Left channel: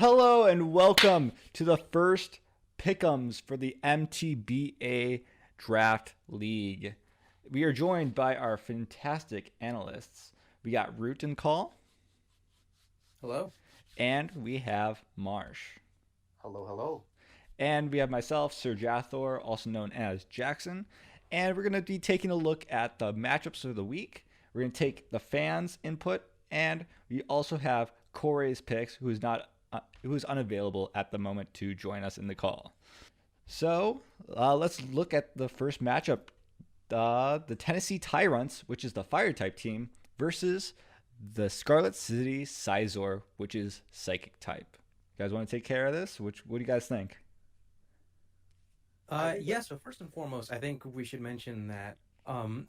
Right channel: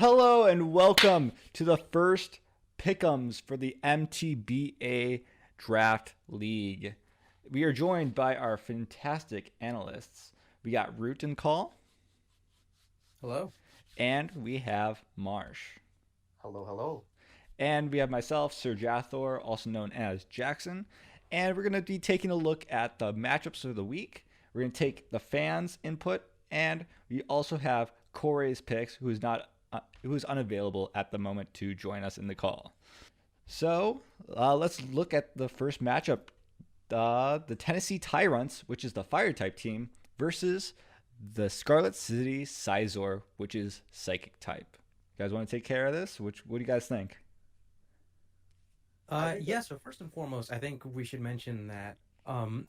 Hello and welcome to the first pick'ems for the MTBA Draft League. We are joined by our fantastic analysts. We got Rewt and Call, Hello. and we have Marsh. Hello, hello. And we have myself, Sir Jathor, also known as Jackson. And we're going to be taking a look at the matchups of the week. We're going to take the fans' input, and we also have Corey's picks, who is unavailable at the moment to join us in the call. So let's look at the first matchup: the Tennessee Tyrants, which is the Fire type team, versus the Scarlet City SCIZOR, which is Psychic type. You guys want to take care of this? What do you guys think? I think Yeah, so first and foremost, I think we should mention that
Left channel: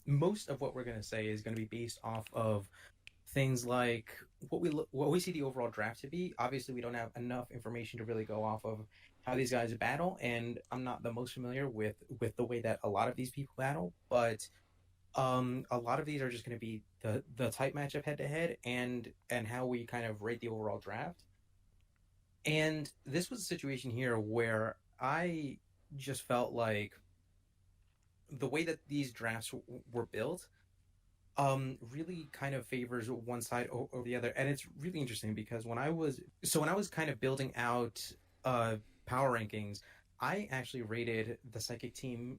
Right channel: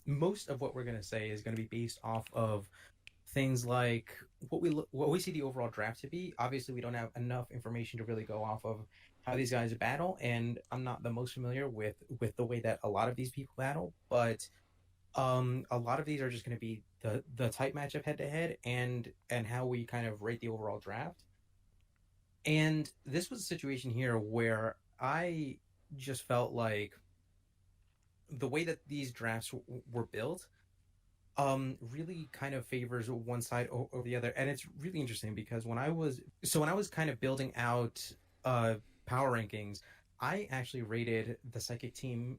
most of what we're going to say is going to be based off of things like what we see the overall draft to be. Obviously, we don't have enough information to really go off of how these guys battle, and I'm not the most familiar with the way that a lot of these people battle, but a lot of these are just going to be the type matchup head to head and how we kind of rate the overall draft. And this was a situation here where I just felt like the way that these drafts were built really kind of favors one side over the other. And it's really interesting because when I was kind of building out uh power rankings, I actually rated the psychic team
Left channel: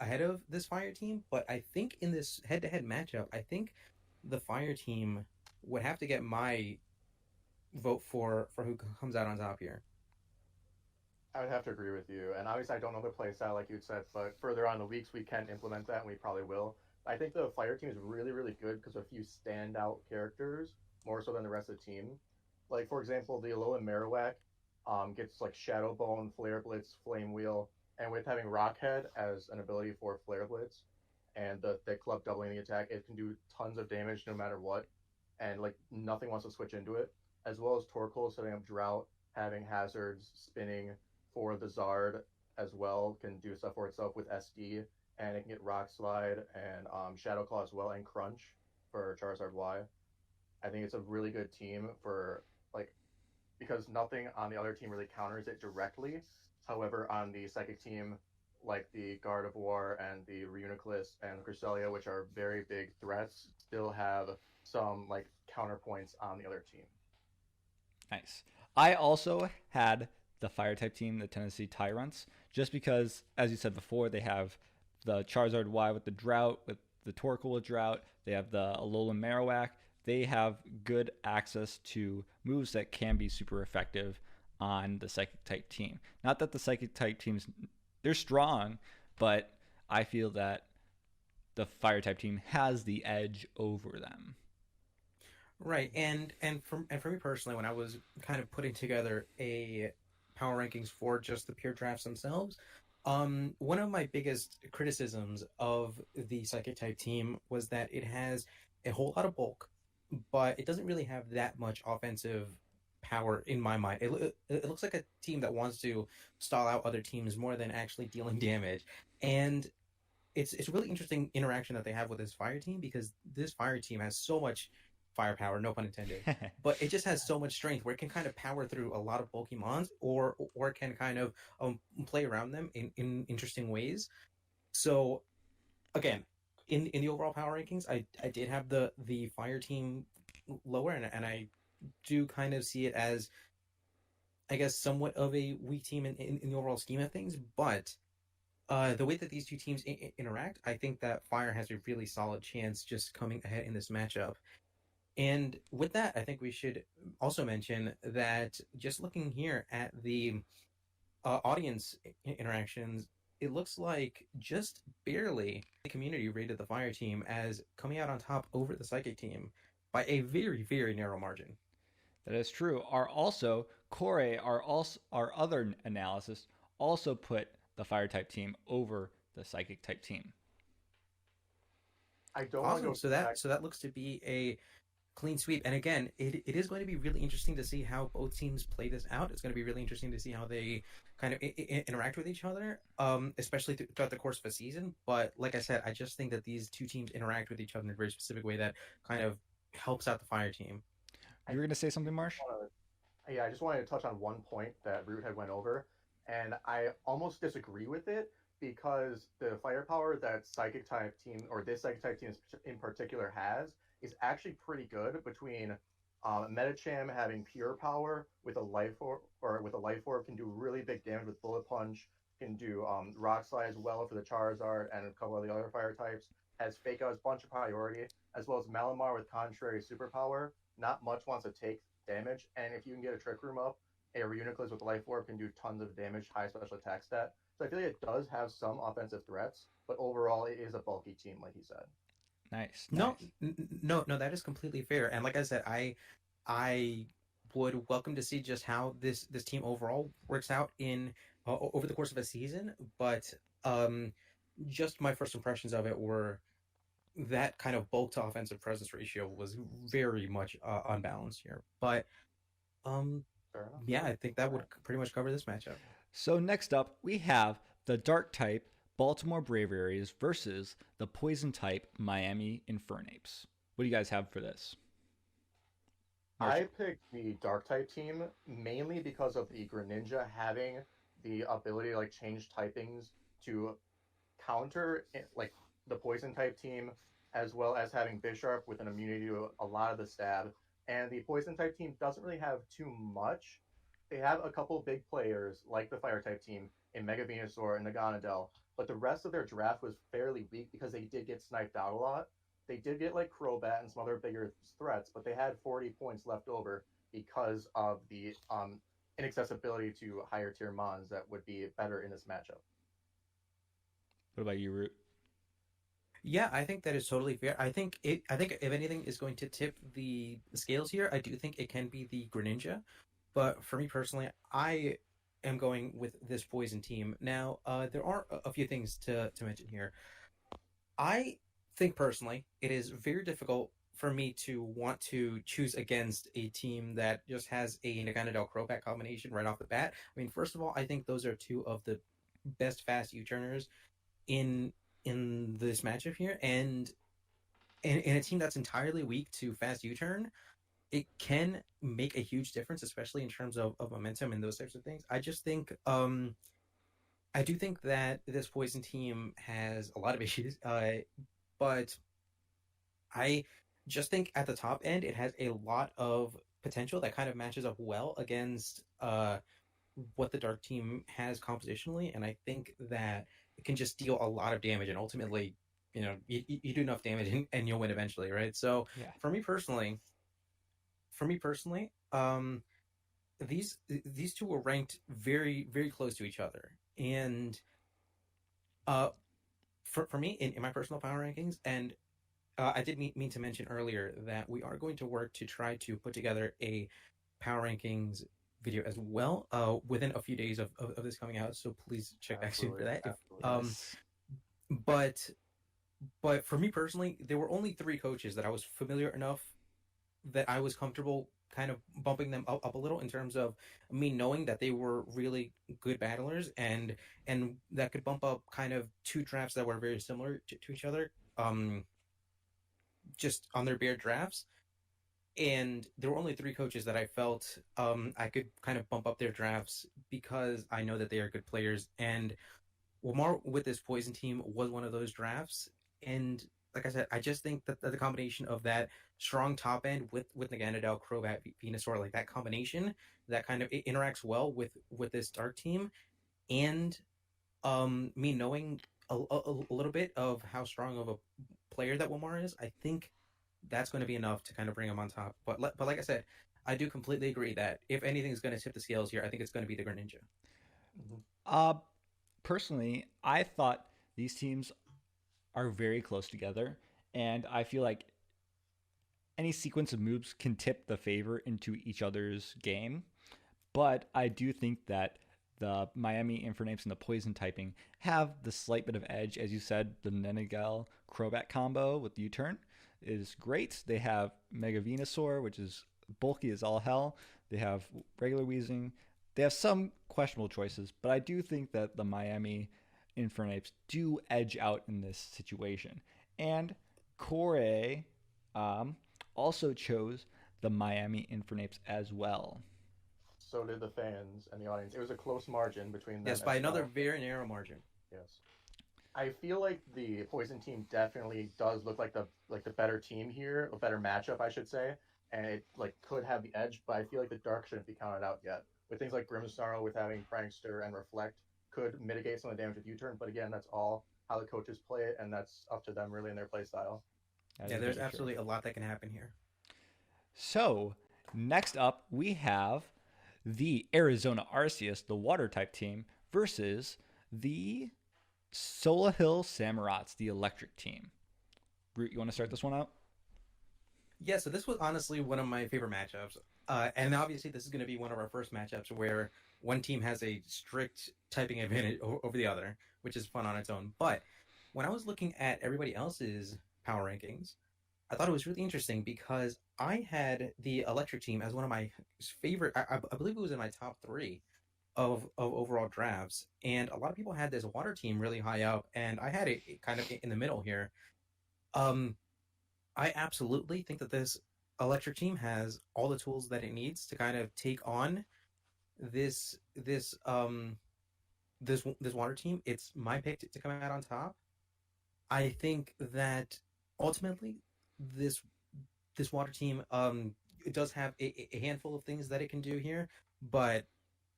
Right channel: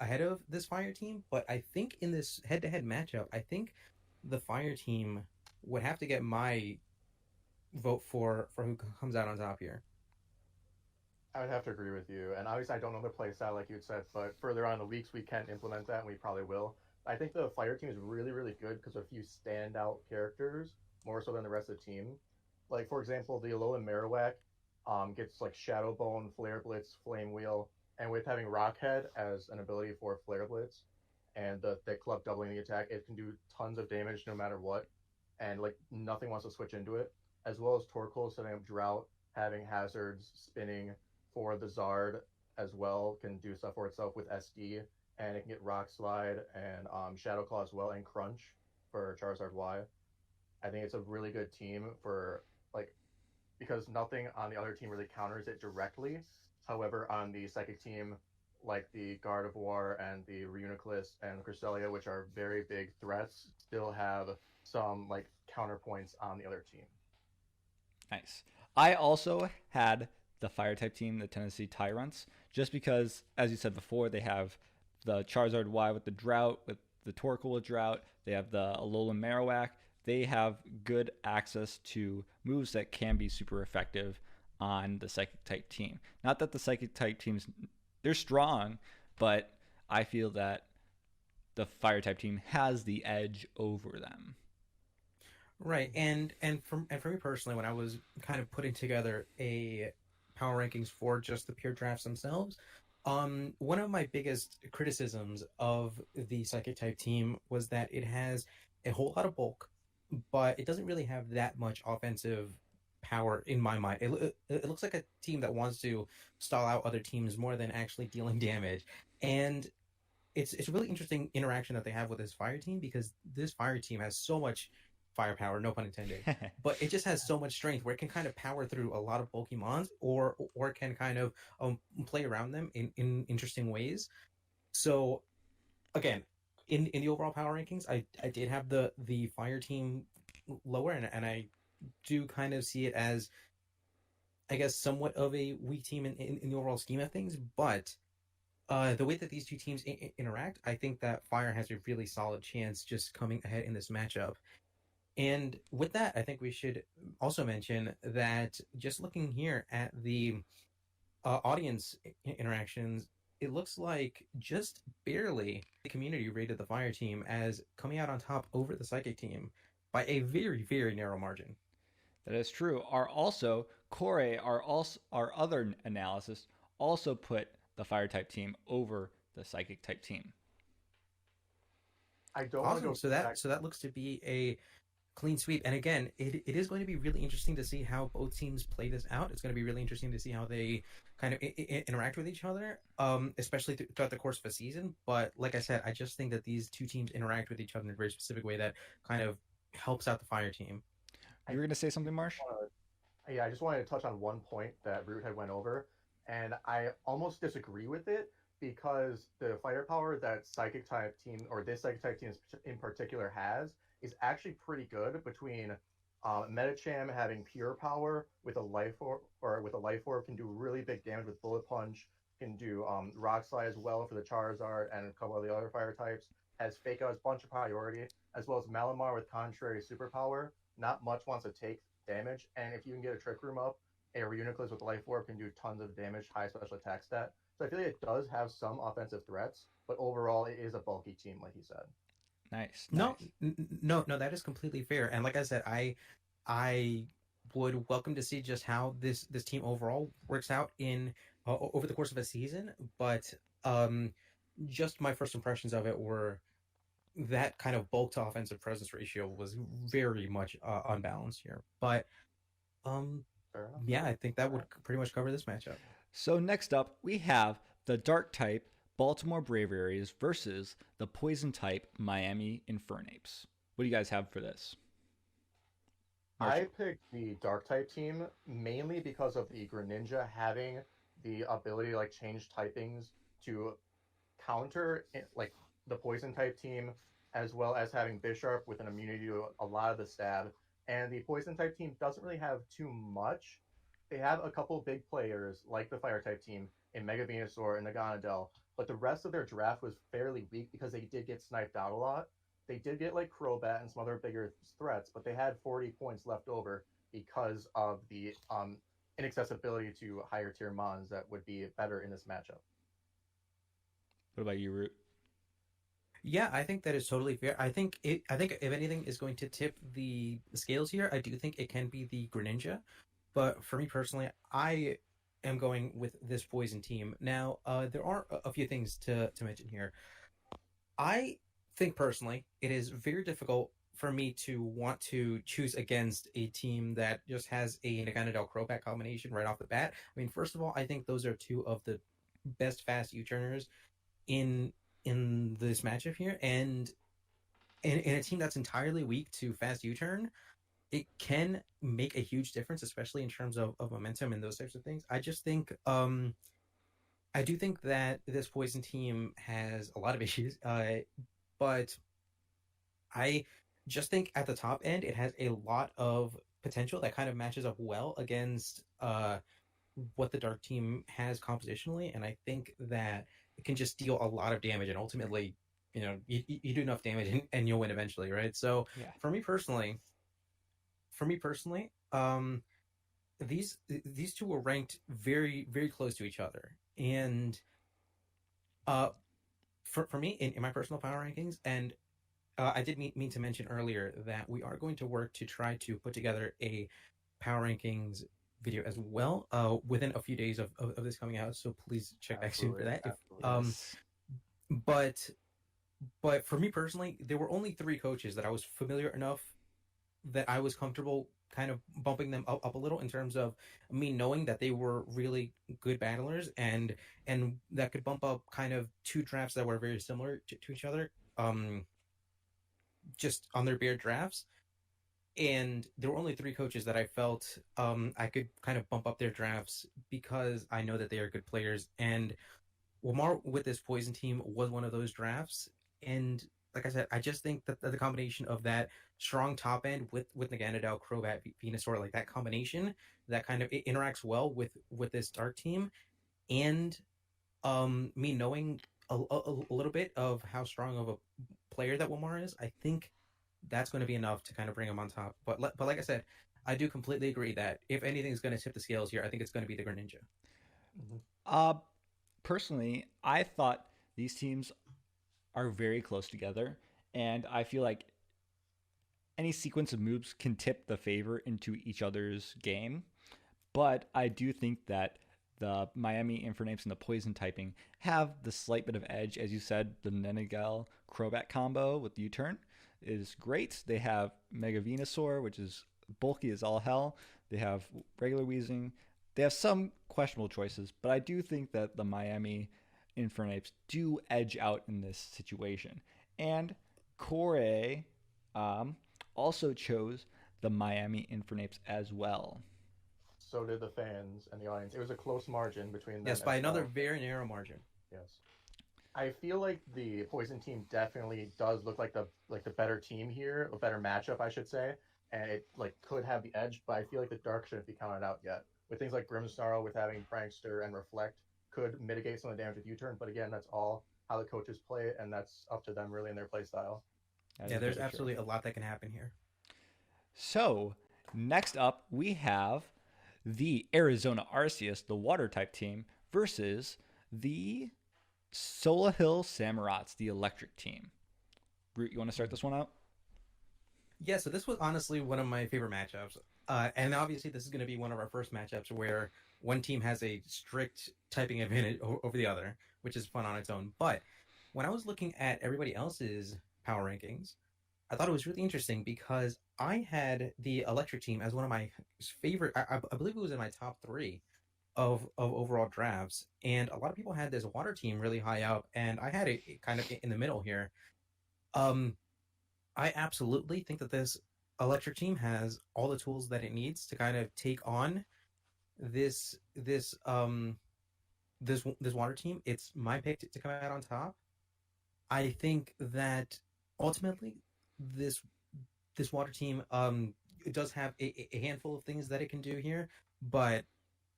ahead of this fire team, but I think in this head-to-head matchup, I think the fire team would have to get my vote for who comes out on top here. I would have to agree with you. And obviously, I don't know the play style like you said, but further on in the weeks, we can implement that, and we probably will. I think the fire team is really, really good because of a few standout characters, more so than the rest of the team. Like, for example, the Alolan Marowak gets like Shadow Bone, Flare Blitz, Flame Wheel, and with having Rockhead as an ability for Flare Blitz and the Thick Club doubling the attack, it can do tons of damage no matter what. And like nothing wants to switch into it. As well as Torkoal setting up Drought, having hazards, spinning for the Zard as well, can do stuff for itself with SD, and it can get Rock Slide and Shadow Claw as well, and Crunch for Charizard Y. I think it's a really good team for like because nothing on the other team really counters it directly. However, on the Psychic team, like the Gardevoir and the Reuniclus and the Cresselia, which are very big threats, still have some like counterpoints on the other team. Nice. I also had the Fire type team, the Tennessee Tyrants, just because, as you said before, they have the Charizard Y with the Drought, with the Torkoal with Drought. They have the Alolan Marowak. They have good access to moves that can be super effective on the Psychic type team. Not that the Psychic type teams they're strong, but I feel that the Fire type team has the edge over them. Right, and for me personally, when I was kind of putting together a power rankings for just the pure drafts themselves, one of my biggest criticisms of the psychic type team was that it has a whole lot of bulk, but it doesn't really have that much offensive power in my mind. It looks like a team that wants to stall out other teams more than actually dealing damage, and it's a really interesting interaction that they have with this fire team because this fire team has so much firepower, no pun intended, but it just has so much strength where it can kind of power through a lot of bulky mons or it can kind of play around them in interesting ways. So again, in the overall power rankings, I did have the fire team lower, and I do kind of see it as I guess somewhat of a weak team in the overall scheme of things, but the way that these two teams interact, I think that Fire has a really solid chance just coming ahead in this matchup. And with that, I think we should also mention that just looking here at the audience interactions, it looks like just barely the community rated the Fire team as coming out on top over the Psychic team by a very, very narrow margin. That is true. Corey, our other analysis also put the Fire type team over the Psychic type team. I don't want to Awesome. go back. So that looks to be a clean sweep. And again, it is going to be really interesting to see how both teams play this out. It's going to be really interesting to see how they kind of interact with each other, especially throughout the course of a season. But like I said, I just think that these two teams interact with each other in a very specific way that kind of helps out the fire team. I You were going to say something, Marsh? want to Yeah, I just wanted to touch on one point that Rewt had went over, and I almost disagree with it because the firepower that Psychic type team or this Psychic type team in particular has is actually pretty good between Metacham having pure power with a life or with a life orb can do really big damage with bullet punch, can do rock slide as well for the Charizard and a couple of the other fire types. Has Fake Out's bunch of priority as well as Malamar with contrary superpower. Not much wants to take damage, and if you can get a Trick Room up, a Reuniclus with Life Orb can do tons of damage, high special attack stat. So I feel like it does have some offensive threats, but overall it is a bulky team, like you said. Nice, No, nice. no, that is completely fair. And like I said, I would welcome to see just how this team overall works out in over the course of a season. But um, just my first impressions of it were that kind of bulk to offensive presence ratio was very much unbalanced here. But um, Fair enough. yeah, I think that would pretty much cover this matchup. So next up, we have the dark type Baltimore Braviaries versus the poison type Miami Infernapes. What do you guys have for this? Marsh? I picked the Dark type team mainly because of the Greninja having the ability to like change typings to counter like the poison type team, as well as having Bisharp with an immunity to a lot of the stab. And the poison type team doesn't really have too much. They have a couple big players like the fire type team in Mega Venusaur and Naganadel, but the rest of their draft was fairly weak because they did get sniped out a lot. They did get like Crobat and some other bigger threats, but they had 40 points left over because of the inaccessibility to higher tier mons that would be better in this matchup. What about you, Root? Yeah, I think that is totally fair. I think if anything is going to tip the scales here, I do think it can be the Greninja. But for me personally, I am going with this poison team. Now, there are a few things to mention here. I think personally, it is very difficult for me to want to choose against a team that just has a Naganadel Crobat combination right off the bat. I mean, first of all, I think those are two of the best fast U-turners in this matchup here, and in a team that's entirely weak to fast U-turn, it can make a huge difference, especially in terms of momentum and those types of things. I just think I do think that this poison team has a lot of issues, but I just think at the top end it has a lot of potential that kind of matches up well against what the dark team has compositionally, and I think that it can just deal a lot of damage and ultimately, you do enough damage and you'll win eventually, right? So Yeah. for me personally, these two were ranked very very close to each other, and uh, for me in my personal power rankings, and I did mean to mention earlier that we are going to work to try to put together a power rankings video as well within a few days of this coming out. So please check back soon for that. Yes. But for me personally, there were only three coaches that I was familiar enough that I was comfortable kind of bumping them up a little in terms of me knowing that they were really good battlers and that could bump up kind of two drafts that were very similar to each other just on their bare drafts. And there were only three coaches that I felt I could kind of bump up their drafts because I know that they are good players. And Lamar with this poison team was one of those drafts. And like I said, I just think that the combination of that strong top end with Naganadel, Crobat, Venusaur, like that combination that kind of it interacts well with this dark team, and me knowing a little bit of how strong of a player that Wilmar is, I think that's going to be enough to kind of bring him on top. But like I said, I do completely agree that if anything is going to tip the scales here, I think it's going to be the Greninja. Mm-hmm. Uh, Personally, I thought these teams are very close together, and I feel like any sequence of moves can tip the favor into each other's game. But I do think that the Miami Infernapes and the Poison typing have the slight bit of edge. As you said, the Nenegel Crobat combo with U-Turn is great. They have Mega Venusaur, which is bulky as all hell. They have regular Weezing. They have some questionable choices, but I do think that the Miami Infernapes do edge out in this situation. And Corey also chose the Miami Infernapes as well. So did the fans and the audience. It was a close margin between them Yes, as by another well. very narrow margin. Yes. I feel like the Poison team definitely does look like the better team here, a better matchup, I should say, and it like could have the edge. But I feel like the Dark shouldn't be counted out yet. With things like Grimsnarl, with having Prankster and Reflect, could mitigate some of the damage with U-turn. But again, that's all how the coaches play it, and that's up to them really in their play style. That Yeah, is there's very true. absolutely a lot that can happen here. So, next up, we have the Arizona Arceus, the water type team, versus the Sola Hill Samurats, the electric team. Root, you want to start this one out? Yeah, so this was honestly one of my favorite matchups. And obviously, this is going to be one of our first matchups where one team has a strict typing advantage over the other, which is fun on its own. But when I was looking at everybody else's power rankings, I thought it was really interesting because I had the electric team as one of my favorite. I believe it was in my top three of overall drafts, and a lot of people had this water team really high up, and I had it kind of in the middle here. Um, I absolutely think that this electric team has all the tools that it needs to kind of take on this this um this water team. It's my pick to come out on top. I think that ultimately this this water team it does have a handful of things that it can do here, but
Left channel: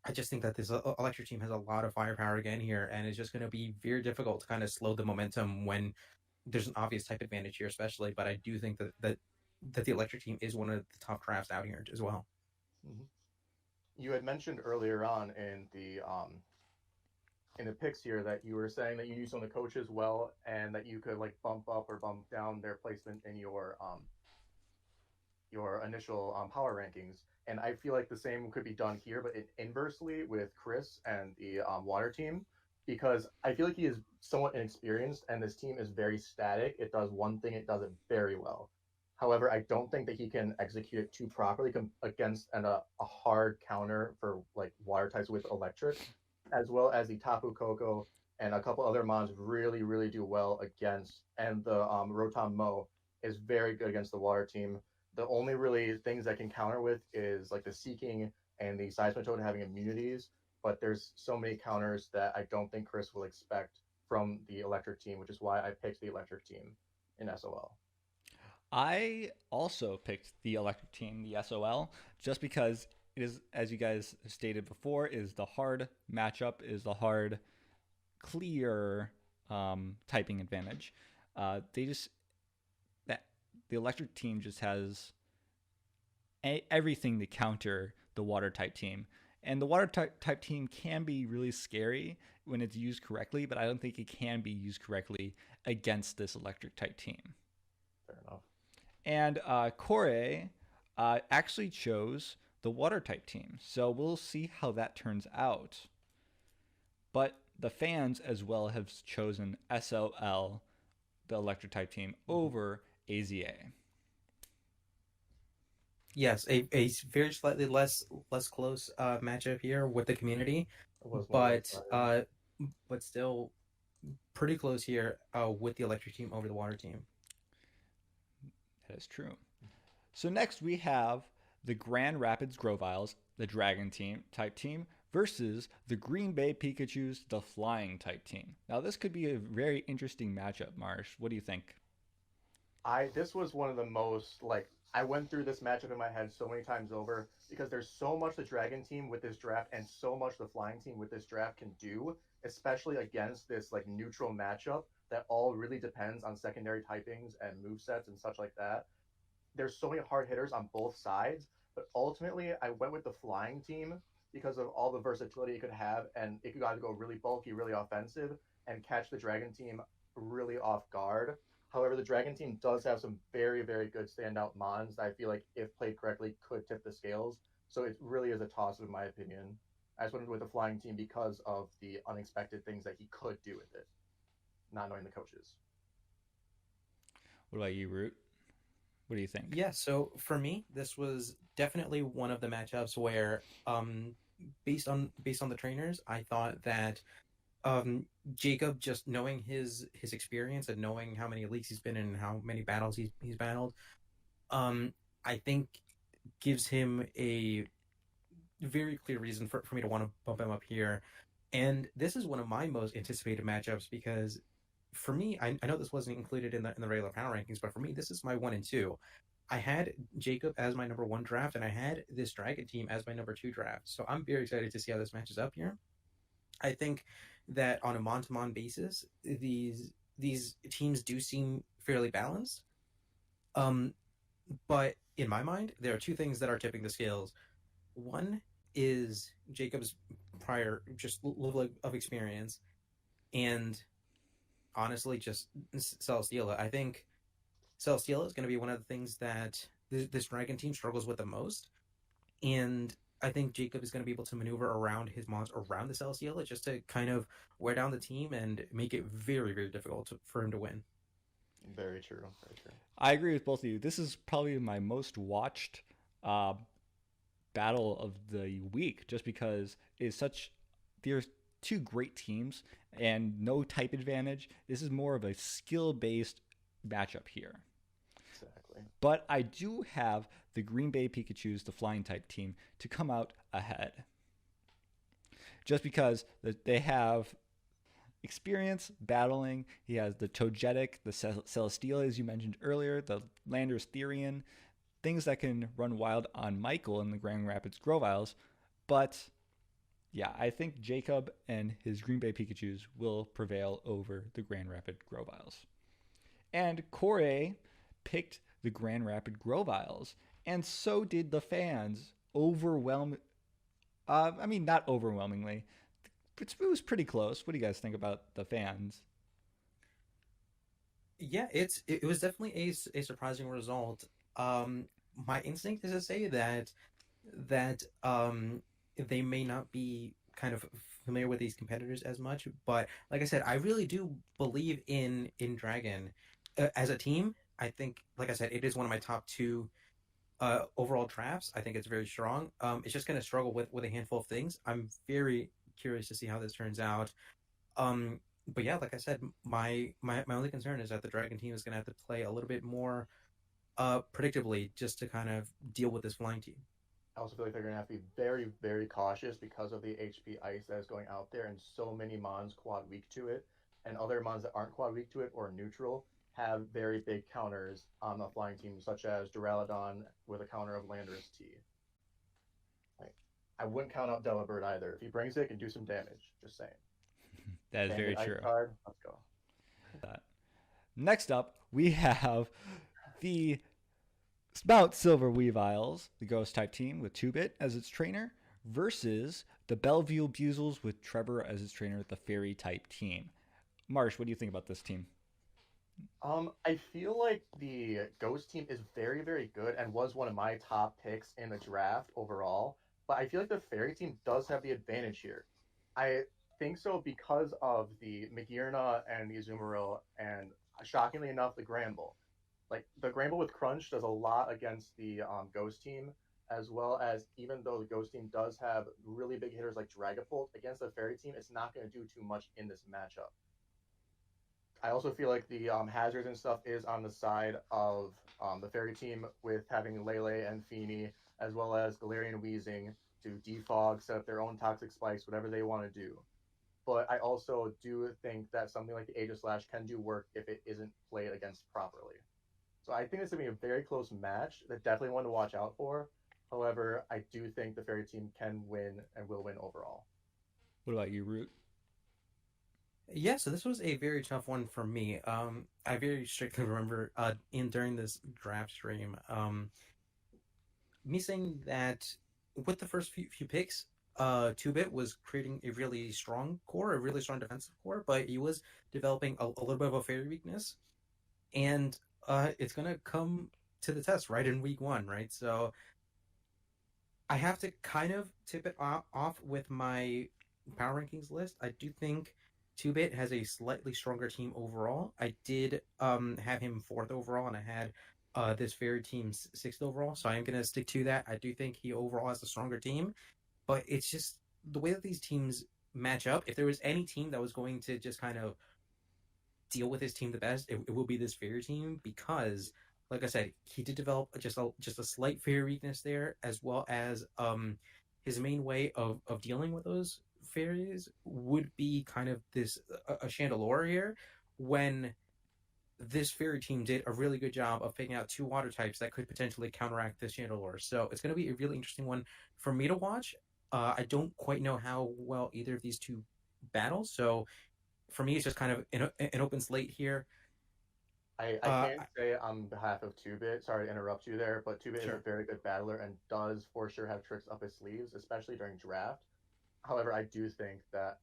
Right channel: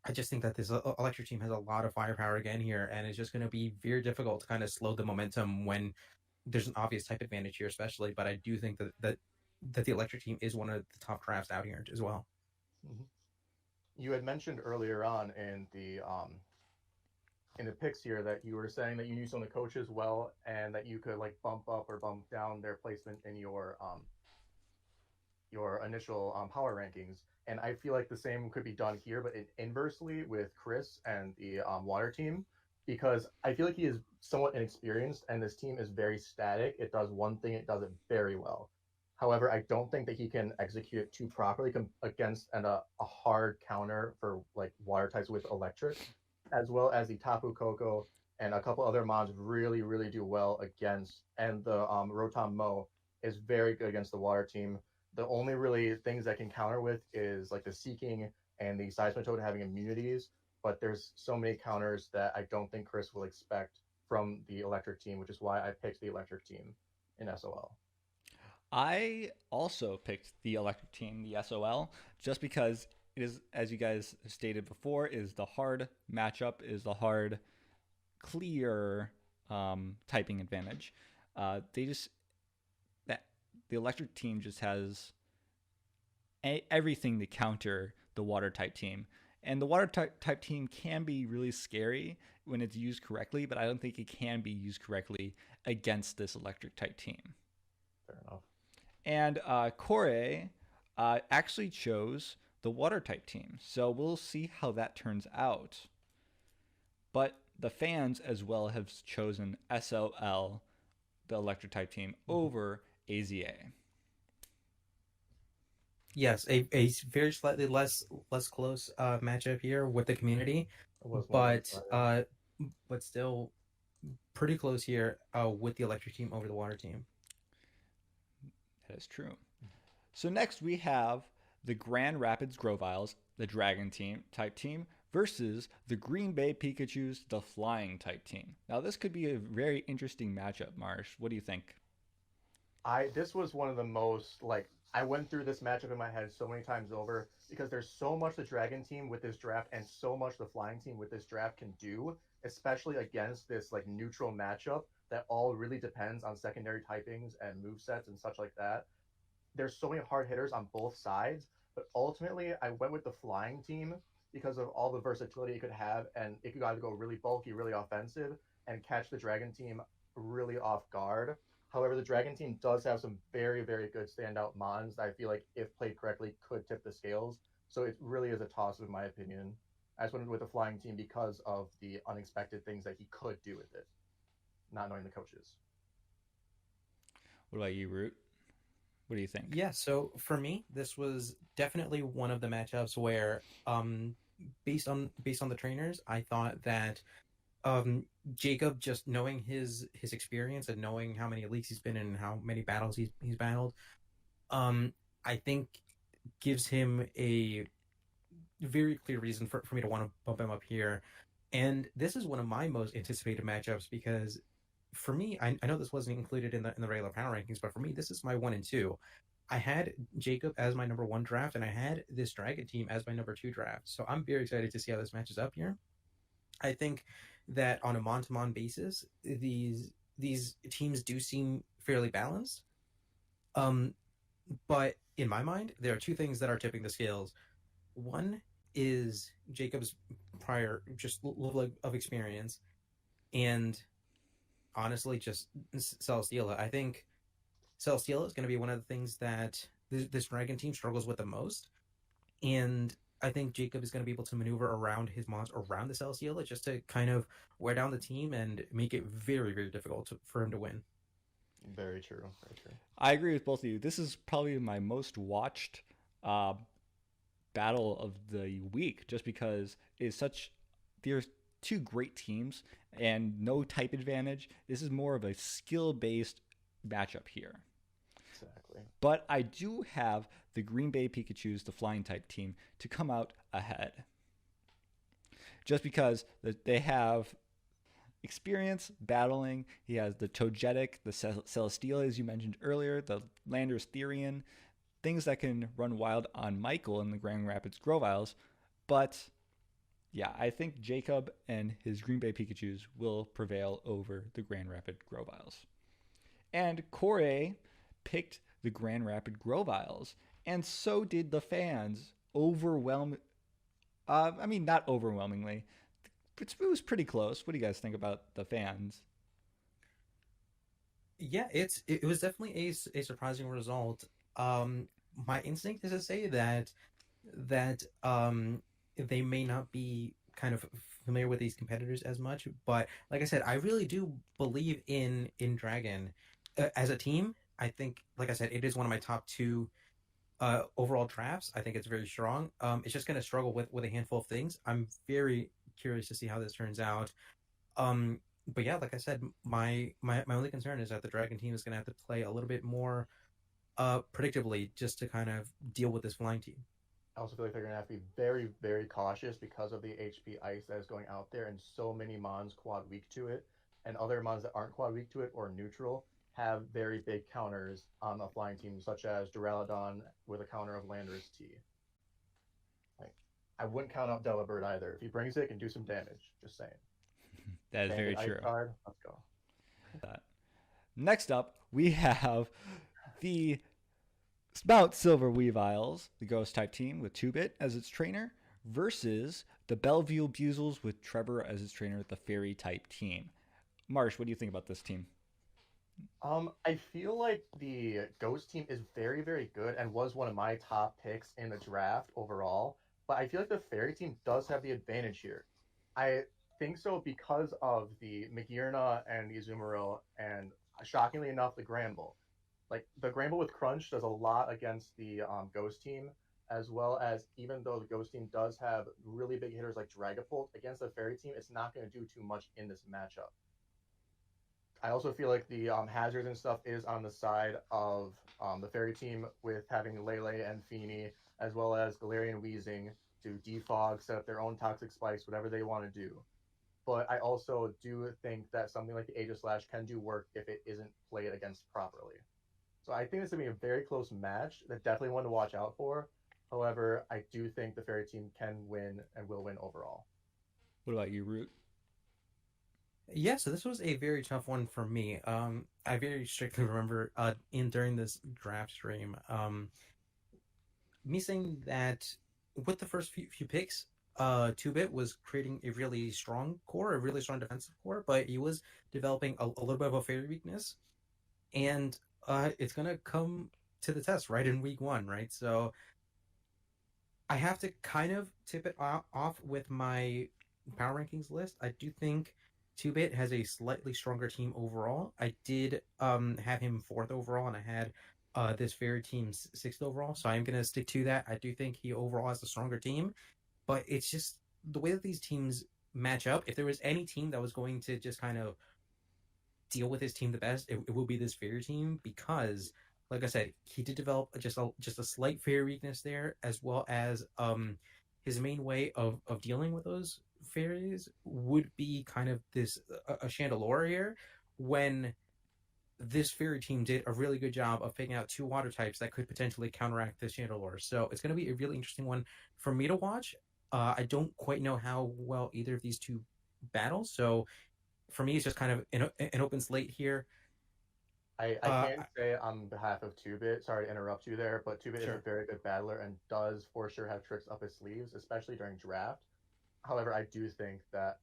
I just think that this electric team has a lot of firepower again here, and it's just going to be very difficult to kind of slow the momentum when there's an obvious type advantage here, especially. But I do think that the electric team is one of the top drafts out here as well. Mm-hmm. You had mentioned earlier on in the picks here that you were saying that you knew some of the coaches well and that you could like bump up or bump down their placement in your initial power rankings. And I feel like the same could be done here, but inversely with Chris and the water team, because I feel like he is somewhat inexperienced and this team is very static. It does one thing, it does it very well. However, I don't think that he can execute it too properly against a hard counter for like water types with electric, as well as the Tapu Koko and a couple other mons really, really do well against. And the Rotom Mo is very good against the water team. The only really things that can counter with is like the Seeking and the Seismitoad having immunities, but there's so many counters that I don't think Chris will expect from the electric team, which is why I picked the electric team in SOL. I also picked the electric team, the SOL, just because it is, as you guys stated before, is the hard matchup, is the hard, clear typing advantage. They just that the electric team just has everything to counter the water type team. And the water type team can be really scary when it's used correctly, but I don't think it can be used correctly against this electric type team. Fair enough. And Corey actually chose the water type team. So we'll see how that turns out. But the fans as well have chosen SOL, the electric type team, over AZA. Yes, a very slightly less close matchup here with the community, It was but still pretty close here with the electric team over the water team. That is true. So next we have the Grand Rapids CROVYLES, the Dragon team type team, versus the Green Bay Pikachus, the Flying type team. Now this could be a very interesting matchup, Marsh. What do you think? This was one of the most like I went through this matchup in my head so many times over because there's so much the Dragon team with this draft and so much the Flying team with this draft can do, especially against this like neutral matchup that all really depends on secondary typings and move sets and such like that. There's so many hard hitters on both sides, but ultimately I went with the Flying team because of all the versatility it could have, and it could either go really bulky, really offensive, and catch the Dragon team really off guard. However, the Dragon team does have some very, very good standout mons that I feel like, if played correctly, could tip the scales. So it really is a toss, in my opinion. I just went with the Flying team because of the unexpected things that he could do with it, not knowing the coaches. What about you, Root? What do you think? Yeah, so for me, this was definitely one of the matchups where, based on the trainers, I thought that Jacob, just knowing his experience and knowing how many leagues he's been in and how many battles he's battled, I think gives him very clear reason for me to want to bump him up here. And this is one of my most anticipated matchups because for me, I know this wasn't included in the regular power rankings, but for me, this is my 1 and 2. I had Jacob as my number 1 draft, and I had this Dragon team as my number 2 draft. So I'm very excited to see how this matches up here. I think that on a mon-to-mon basis, these teams do seem fairly balanced. But in my mind, there are 2 things that are tipping the scales. One is Jacob's prior just level of experience, and honestly, just Celesteela. I think Celesteela is going to be one of the things that this Dragon team struggles with the most, and I think Jacob is going to be able to maneuver around his monster, around the Celesteela, just to kind of wear down the team and make it very, very difficult for him to win. Very true. Very true. I agree with both of you. This is probably my most watched battle of the week, just because it's such. There's 2 great teams and no type advantage. This is more of a skill-based matchup here. Exactly. But I do have the Green Bay Pikachus, the flying type team, to come out ahead. Just because they have experience battling. He has the Togetic, the Celesteela, as you mentioned earlier, the Landorus Therian, things that can run wild on Michael in the Grand Rapids CROVYLES. But yeah, I think Jacob and his Green Bay Pikachus will prevail over the Grand Rapid CROVYLES. And Corey picked the Grand Rapid CROVYLES, and so did the fans. Not overwhelmingly. It was pretty close. What do you guys think about the fans? Yeah, it was definitely a surprising result. My instinct is to say that they may not be kind of familiar with these competitors as much, but like I said, I really do believe in Dragon as a team. I think, like I said, it is one of my top 2 overall drafts. I think it's very strong. It's just going to struggle with a handful of things. I'm very curious to see how this turns out. But yeah, like I said, my only concern is that the Dragon team is going to have to play a little bit more predictably just to kind of deal with this flying team. I also feel like they're going to have to be very, very cautious because of the HP ice that is going out there, and so many mons quad weak to it, and other mons that aren't quad weak to it or neutral have very big counters on the flying team, such as Duraludon with a counter of Landorus T. Like, I wouldn't count out Delibird either. If he brings it, it can do some damage. Just saying. That is very true. Card, let's go. Next up, we have the Mount Silver Weaviles, the Ghost type team with 2-Bit as its trainer, versus the Bellevue Buzels with Trevor as its trainer, the Fairy type team. Marsh, what do you think about this team? I feel like the Ghost team is very, very good and was one of my top picks in the draft overall. But I feel like the Fairy team does have the advantage here. I think so because of the Magearna and the Azumarill, and shockingly enough, the Granbull. Like, the Granbull with Crunch does a lot against the Ghost team, as well as, even though the Ghost team does have really big hitters like Dragapult, against the Fairy team, it's not going to do too much in this matchup. I also feel like the hazards and stuff is on the side of the Fairy team, with having Lele and Feeny, as well as Galarian Weezing to defog, set up their own toxic spikes, whatever they want to do. But I also do think that something like the Aegislash can do work if it isn't played against properly. So I think it's going to be a very close match. That definitely one to watch out for. However, I do think the Fairy team can win and will win overall. What about you, Rewt? Yeah, so this was a very tough one for me. I very strictly remember during this draft stream, me saying that with the first few picks, 2-Bit was creating a really strong core, a really strong defensive core, but he was developing a little bit of a fairy weakness, and it's gonna come to the test right in week 1, right? So I have to kind of tip it off with my power rankings list. I do think 2-Bit has a slightly stronger team overall. I did have him 4th overall, and I had this Fairy team 6th overall, so I'm going to stick to that. I do think he overall has a stronger team, but it's just the way that these teams match up. If there was any team that was going to just kind of deal with his team the best, it will be this Fairy team, because, like I said, he did develop just a slight Fairy weakness there, as well as his main way of dealing with those fairies would be kind of this a Chandelure here, when this fairy team did a really good job of picking out two water types that could potentially counteract this Chandelure. So it's going to be a really interesting one for me to watch. I don't quite know how well either of these two battle, so for me, it's just kind of an open slate here. I can't say on behalf of 2-Bit, sorry to interrupt you there, but 2-Bit is a very good battler and does for sure have tricks up his sleeves, especially during draft. However, I do think that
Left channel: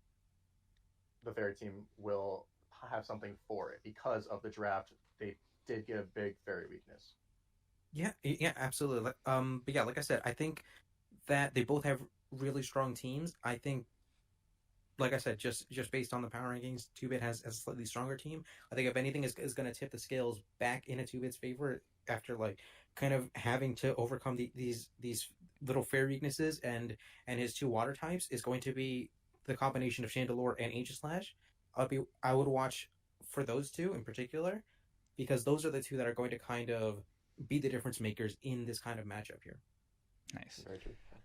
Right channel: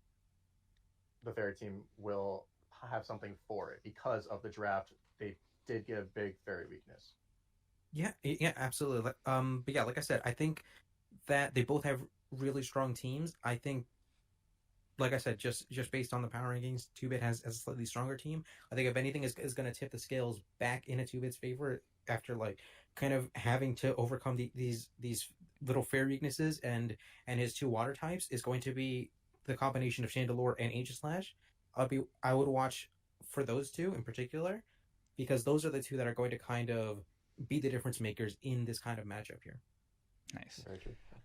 the fairy team will have something for it because of the draft. They did get a big fairy weakness. Yeah, absolutely. But yeah, like I said, I think that they both have really strong teams. I think, like I said, just based on the power rankings, 2-Bit has a slightly stronger team. I think if anything is going to tip the scales back into 2-Bit's favor after like kind of having to overcome these little fairy weaknesses and his two water types is going to be the combination of Chandelure and Aegislash. I would watch for those two in particular because those are the two that are going to kind of be the difference makers in this kind of matchup here. Nice.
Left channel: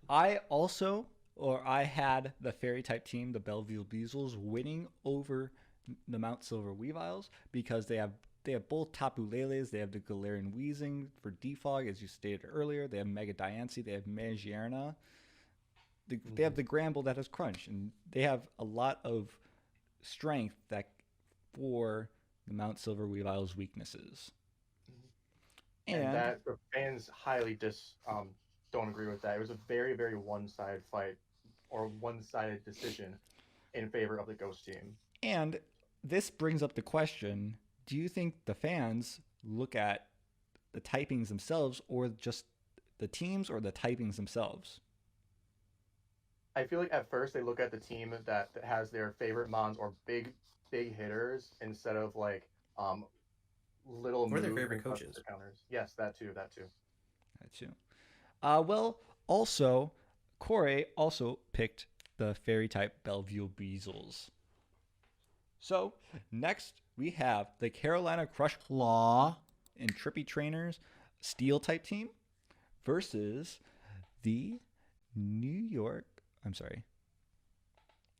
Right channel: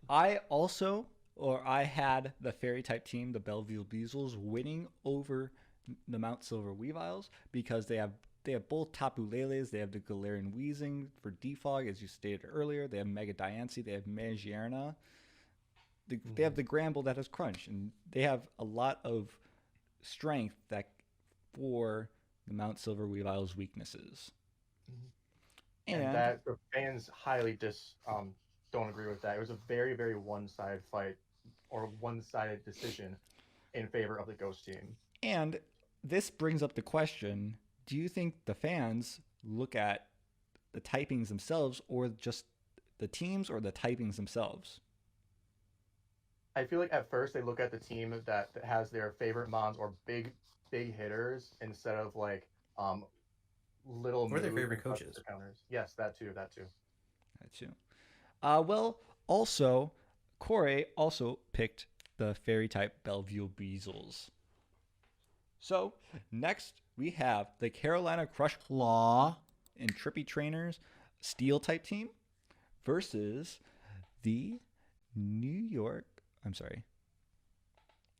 I had the fairy type team, the Belleville Beezles, winning over the Mount Silver Weaviles because they have both Tapu Leles, they have the Galarian Wheezing for defog, as you stated earlier, they have Mega Diancie, they have Magiarna, they have the Gramble that has Crunch, and they have a lot of strength that for the Mount Silver Weavile's weaknesses. And that the fans highly don't agree with that. It was a very, very one-sided fight or one-sided decision in favor of the Ghost team. And this brings up the question, do you think the fans look at the typings themselves or just the teams or the typings themselves? I feel like at first they look at the team that has their favorite mons or big hitters instead of like little or their favorite coaches. Counters. Yes, that too. Well, also, Corey also picked the fairy type Bellevue Beezles. So, next we have the Carolina Crush Claw and Trippy Trainers Steel type team versus the New York XL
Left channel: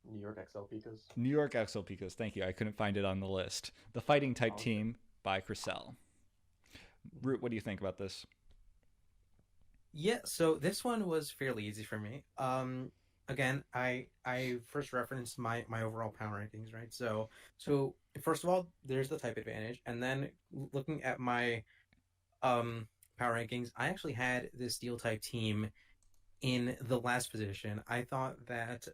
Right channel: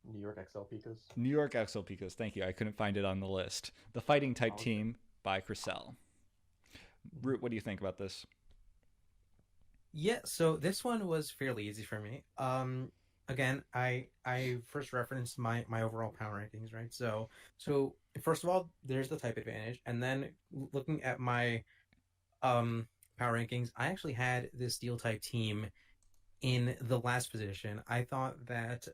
Picas. New York XL Picas. Thank you. I couldn't find it on the list. The Fighting type team by Crystal. Rewt, what do you think about this? Yeah, so this one was fairly easy for me. Again, I first referenced my overall power rankings, right? So first of all, there's the type advantage, and then looking at my power rankings, I actually had this steel type team in the last position. I thought that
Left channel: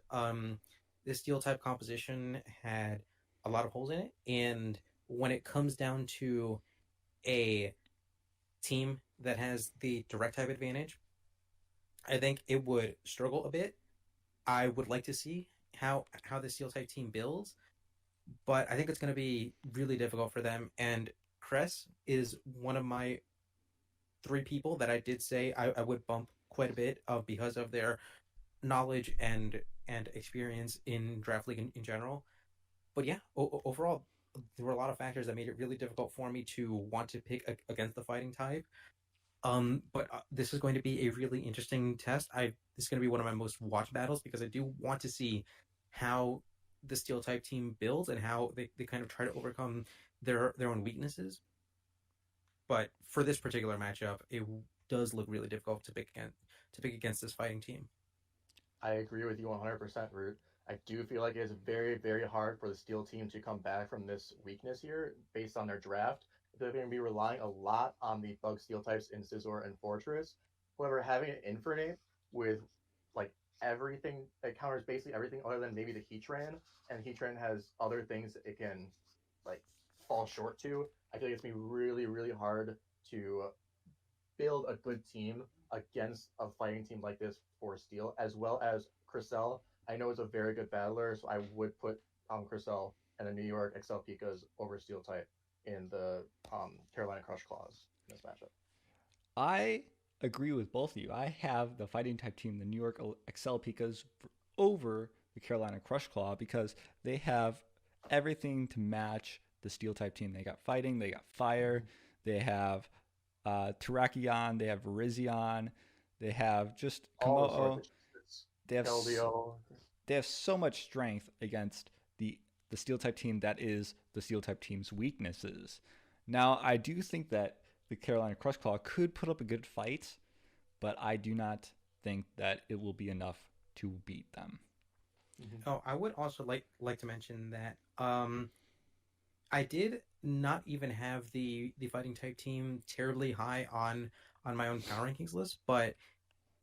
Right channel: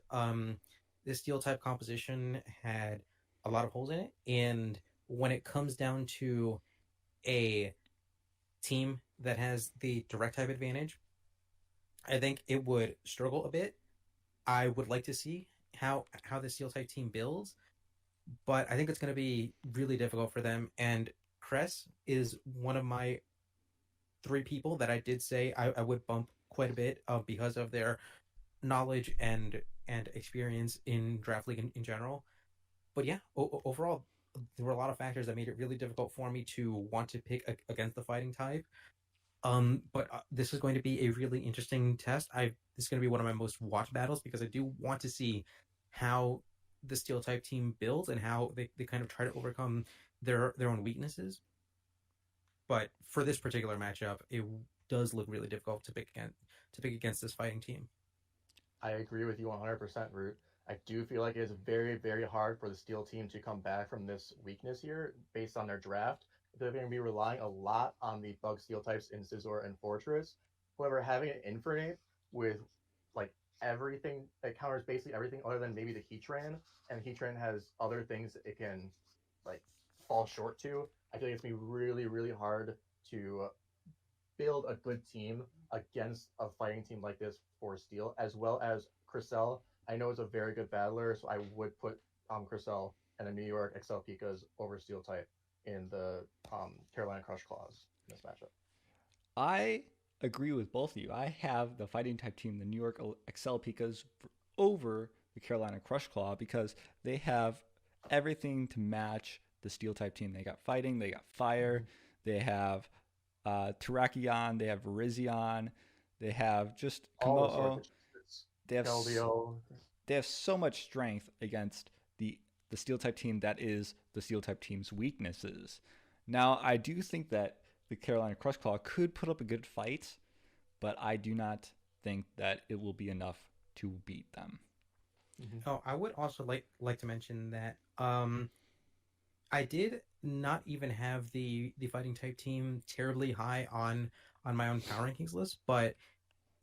this steel type composition had a lot of holes in it, and when it comes down to a team that has the direct type advantage, I think it would struggle a bit. I would like to see how the steel type team builds, but I think it's going to be really difficult for them. And Cress is one of my three people that I did say I would bump quite a bit of because of their knowledge and experience in draft league in general. But yeah, overall, there were a lot of factors that made it really difficult for me to want to pick against the fighting type. But this is going to be a really interesting test. This is going to be one of my most watched battles because I do want to see how the steel type team builds and how they kind of try to overcome their own weaknesses. But for this particular matchup, it does look really difficult to pick against this fighting team. I agree with you 100%, Rewt. I do feel like it is very, very hard for the steel team to come back from this weakness here based on their draft. They're going to be relying a lot on the bug steel types in SCIZOR and Fortress. However, having an Infernape with like everything that counters basically everything other than maybe the Heatran, and Heatran has other things that it can like fall short to. I feel like it's going to be really, really hard to build a good team against a fighting team like this for Steel, as well as Crystal. I know it's a very good battler, so I would put Crystal and the New York XL Picas over Steel type in the Carolina Crush Claws in this matchup. I agree with both of you. I have the fighting type team, the New York XL Picas, over the Carolina Crush Claw because they have everything to match the steel type team. They got fighting, they got fire, they have Terrakion, they have Virizion, they have just Komodo. they have LDO. they have so much strength against the steel type team that is the steel type team's weaknesses. Now, I do think that the Carolina Crush Claw could put up a good fight, but I do not think that it will be enough to beat them. Mhm. Oh, I would also like to mention that I did not even have the fighting type team terribly high on my own power rankings list, but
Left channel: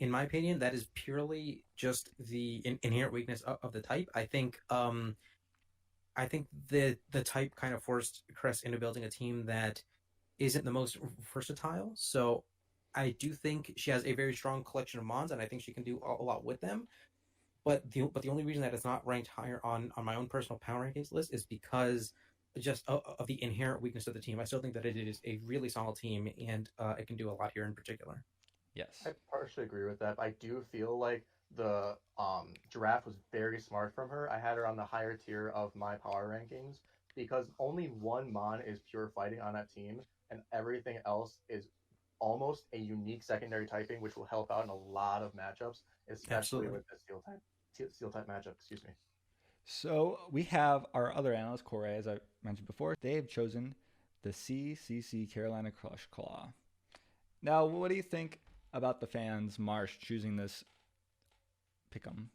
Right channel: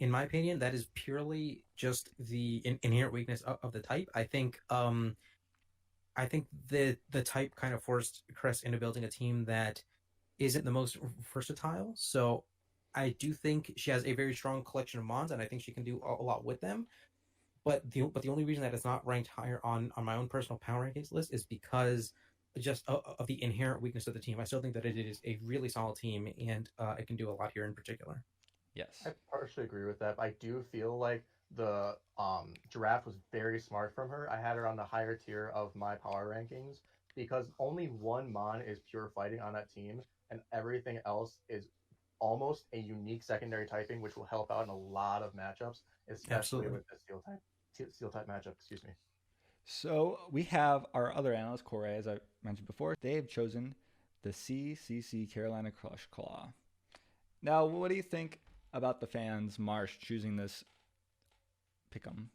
in my opinion, that is purely just the inherent weakness of the type. I think the type kind of forced Crest into building a team that isn't the most versatile. So I do think she has a very strong collection of mons, and I think she can do a lot with them. But the only reason that it's not ranked higher on my own personal power rankings list is because just of the inherent weakness of the team. I still think that it is a really solid team, and it can do a lot here in particular. Yes. I partially agree with that. But I do feel like the draft was very smart from her. I had her on the higher tier of my power rankings because only one Mon is pure fighting on that team, and everything else is almost a unique secondary typing, which will help out in a lot of matchups, especially Absolutely. with the steel type matchup. Excuse me. So we have our other analyst, Corey, as I mentioned before. They have chosen the CCC Carolina Crush Claw. Now, what do you think about the fans, Marsh, choosing this pick'em?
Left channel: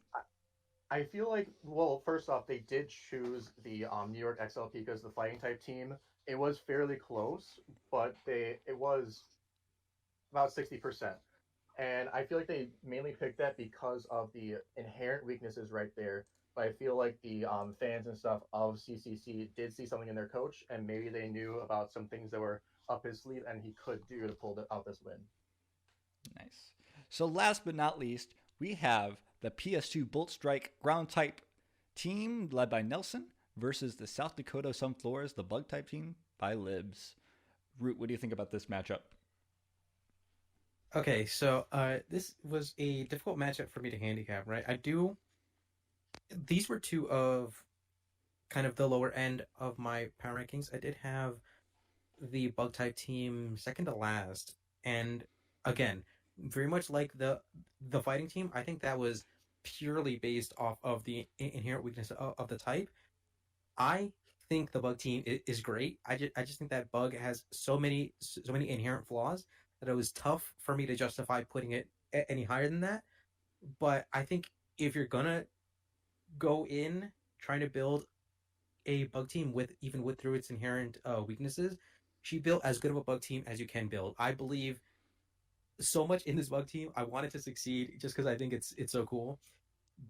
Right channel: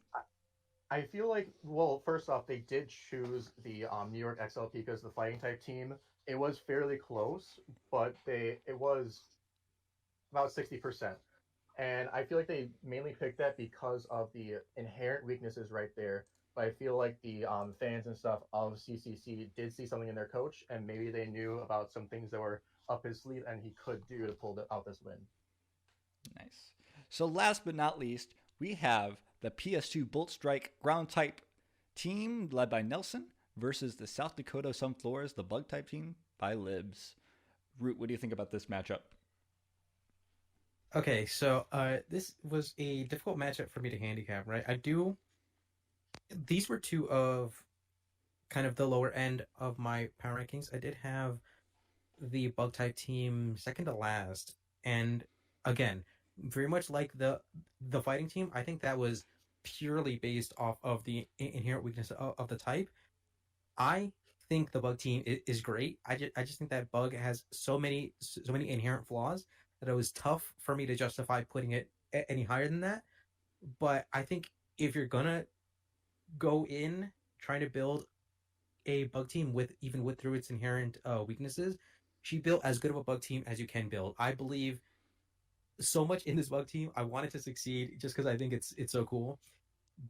I feel like, well, first off, they did choose the New York XLP because the fighting type team. It was fairly close, but it was about 60%. And I feel like they mainly picked that because of the inherent weaknesses right there. But I feel like the fans and stuff of CCC did see something in their coach, and maybe they knew about some things that were up his sleeve and he could do to pull out this win. Nice. So last but not least, we have the PS2 Bolt Strike ground type team led by Nelson versus the South Dakota Sunflowers, the bug type team by Libs. Root, what do you think about this matchup? Okay, so this was a difficult matchup for me to handicap, right? I do. These were two of kind of the lower end of my power rankings. I did have the bug type team second to last, and again, very much like the fighting team. I think that was purely based off of the inherent weakness of the type. I think the bug team is great. I just think that bug has so many inherent flaws that it was tough for me to justify putting it any higher than that. But I think if you're gonna go in trying to build a bug team with through its inherent weaknesses, she built as good of a bug team as you can build. I believe so much in this bug team. I want it to succeed just because I think it's so cool.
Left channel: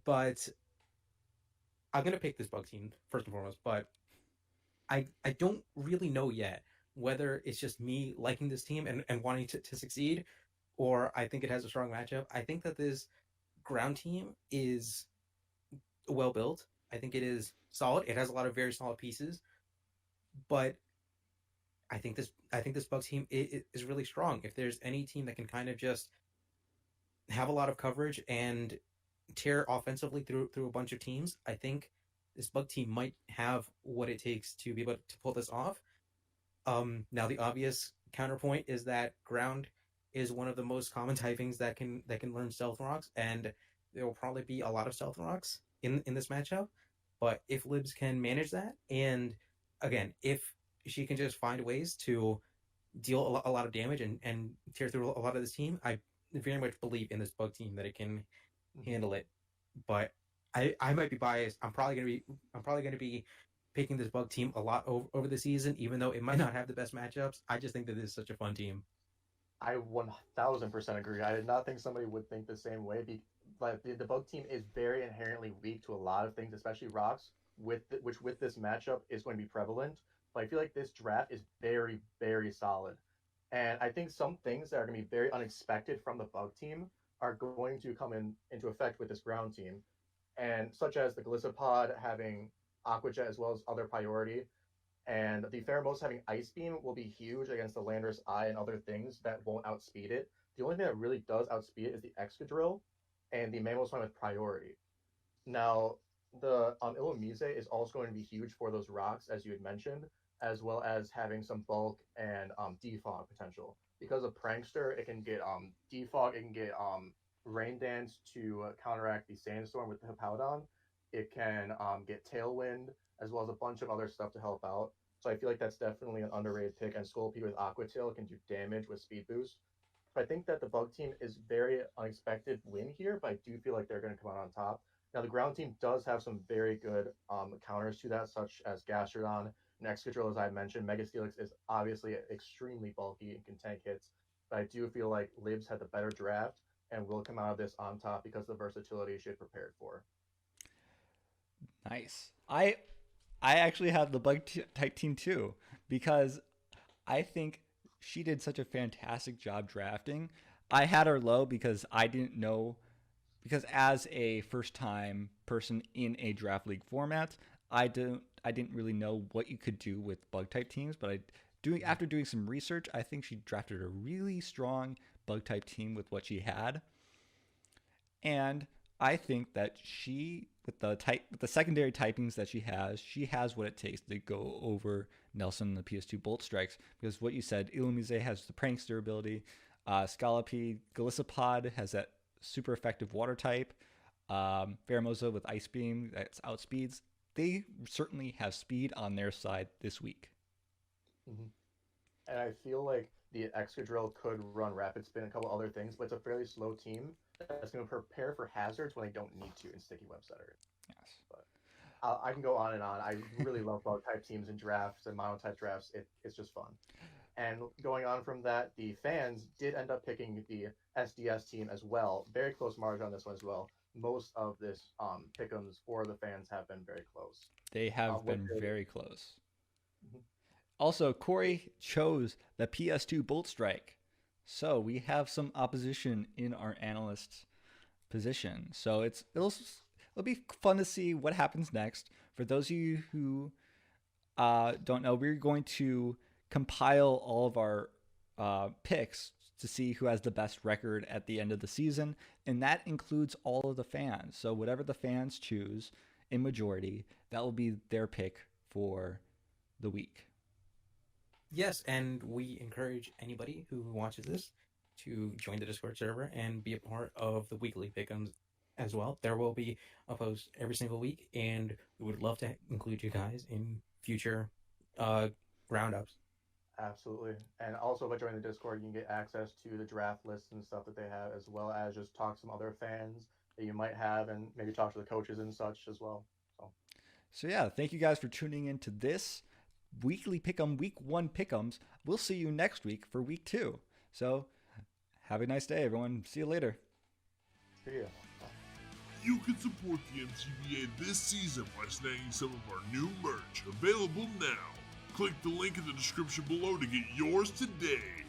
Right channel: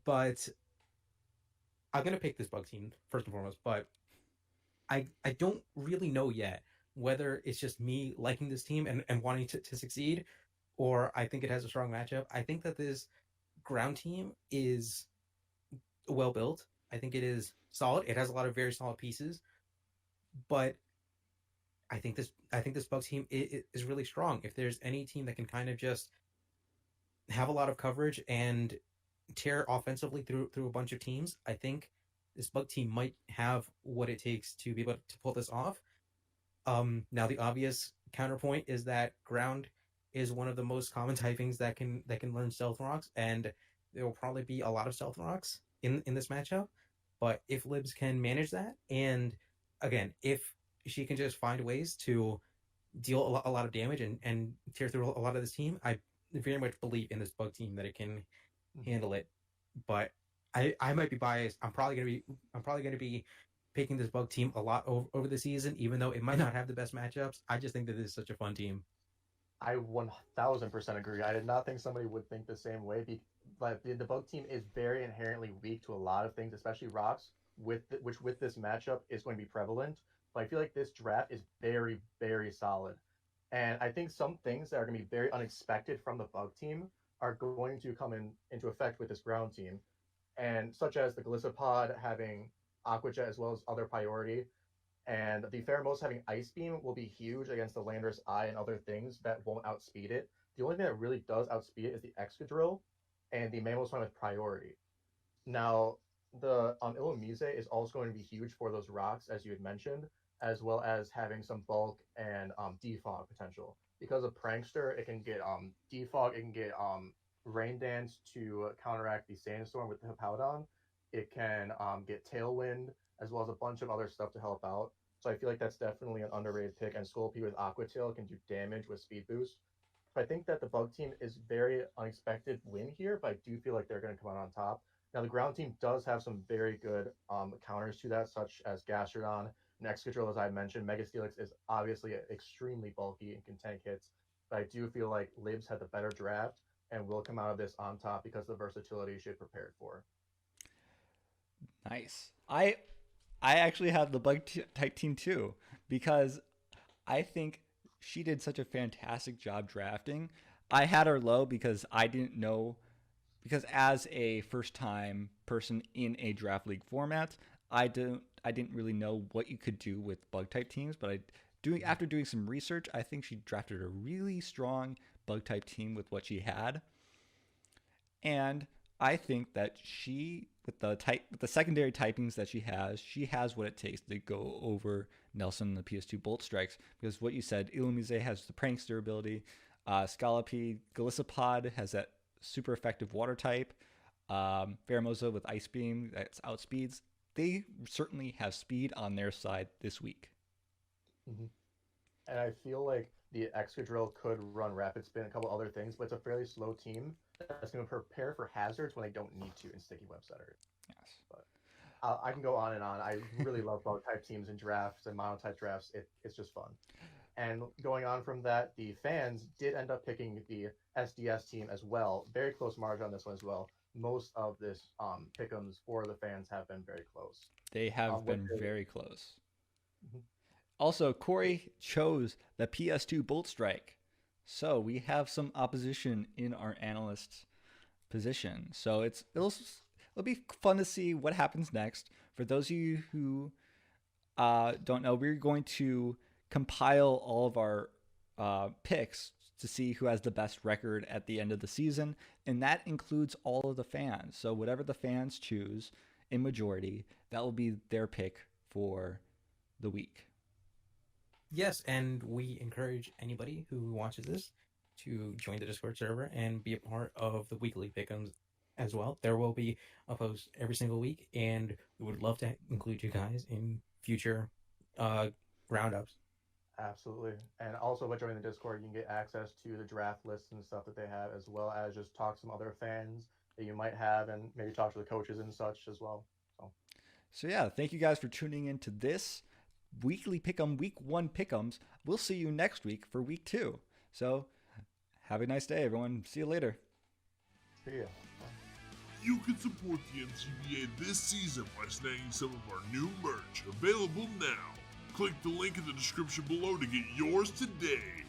But I'm gonna pick this bug team first and foremost. But I don't really know yet whether it's just me liking this team and wanting to succeed, or I think it has a strong matchup. I think that this ground team is well built. I think it is solid. It has a lot of very solid pieces, but I think this Bucks team is really strong. If there's any team that can kind of just have a lot of coverage and tear offensively through a bunch of teams, I think this Bug team might have what it takes to be able to pull this off. Now the obvious counterpoint is that ground is one of the most common typings that can learn stealth rocks, and there will probably be a lot of stealth rocks in this matchup. But if Libs can manage that, and again, if she can just find ways to deal a lot of damage and tear through a lot of this team, I very much believe in this bug team that it can handle it. But I might be biased. I'm probably gonna be picking this bug team a lot over the season, even though it might not have the best matchups. I just think that this is such a fun team. I 1000% agree. I did not think somebody would think the same way, but the bug team is very inherently weak to a lot of things, especially rocks, which with this matchup is going to be prevalent. But I feel like this draft is very, very solid. And I think some things that are going to be very unexpected from the bug team are going to come into effect with this ground team. And such as the Glycopod having Aquajet as well as other priority, and the Pheromos having Ice Beam will be huge against the Lander's Eye and other things that won't outspeed it. The only thing that really does outspeed it is the Excadrill and the Mamoswine with priority. Now, the Illumise is also going to be huge for those rocks, as you had mentioned, as well as having some bulk and defog potential. Because of Prankster, it can get defog, it can get Rain Dance to counteract the Sandstorm with the Hippowdon. It can get Tailwind, as well as a bunch of other stuff to help out. So I feel like that's definitely an underrated pick. And Scolpy with Aqua Tail can do damage with Speed Boost. But I think that the Bug team is very unexpected win here, but I do feel like they're going to come out on top. Now, the ground team does have some very good counters to that, such as Gastrodon and Excadrill, as I mentioned. Mega Steelix is obviously extremely bulky and can tank hits, but I do feel like Libs had the better draft and will come out of this on top because of the versatility she had prepared for. Nice. I actually have the bug type team too, because I think she did such a fantastic job drafting. I had her low because I didn't know, because as a first time person in a draft league format, I didn't really know what you could do with bug type teams, but after doing some research, I think she drafted a really strong bug type team with what she had. And I think that she, with the secondary typings that she has what it takes to go over Nelson and the PS2 Bolt Strikes. Because what you said, Illumise has the Prankster ability, Scalopy, Golisopod has that super effective water type, Pheromosa with Ice Beam that's outspeeds. They certainly have speed on their side this week. Mm-hmm. And I feel like the Excadrill could run Rapid Spin and a couple other things, but it's a fairly slow team that's going to prepare for hazards when they don't need to in Sticky Web Setter. Yes. But I can go on and on. I really love bug type teams in drafts and mono type drafts. It's just fun. And going on from that, the fans did end up picking the SDS team as well. Very close margin on this one as well. Most of this pick'ems for the fans have been very close. They have been very close. Mm-hmm. Also, Corey chose the PS2 Bolt Strike. So we have some opposition in our analyst position. So it'll be fun to see what happens next. For those of you who don't know, we're going to compile all of our picks to see who has the best record at the end of the season, and that includes all of the fans. So whatever the fans choose in majority, that will be their pick for the week. Yes, and we encourage anybody who watches this to join the Discord server and be a part of the weekly pick'ems as well. There will be a post every single week, and we would love to include you guys in future roundups. Absolutely. And also by joining the Discord, you can get access to the draft lists and stuff that they have, as well as just talk to some other fans that you might have and maybe talk to the coaches and such as well. So yeah, thank you guys for tuning in to this weekly pick'em, week 1 pick'ems. We'll see you next week for week 2. So have a nice day, everyone. See you later. See ya. You can support the MTBA this season by snagging some of our new merch, available now. Click the link in the description below to get yours today.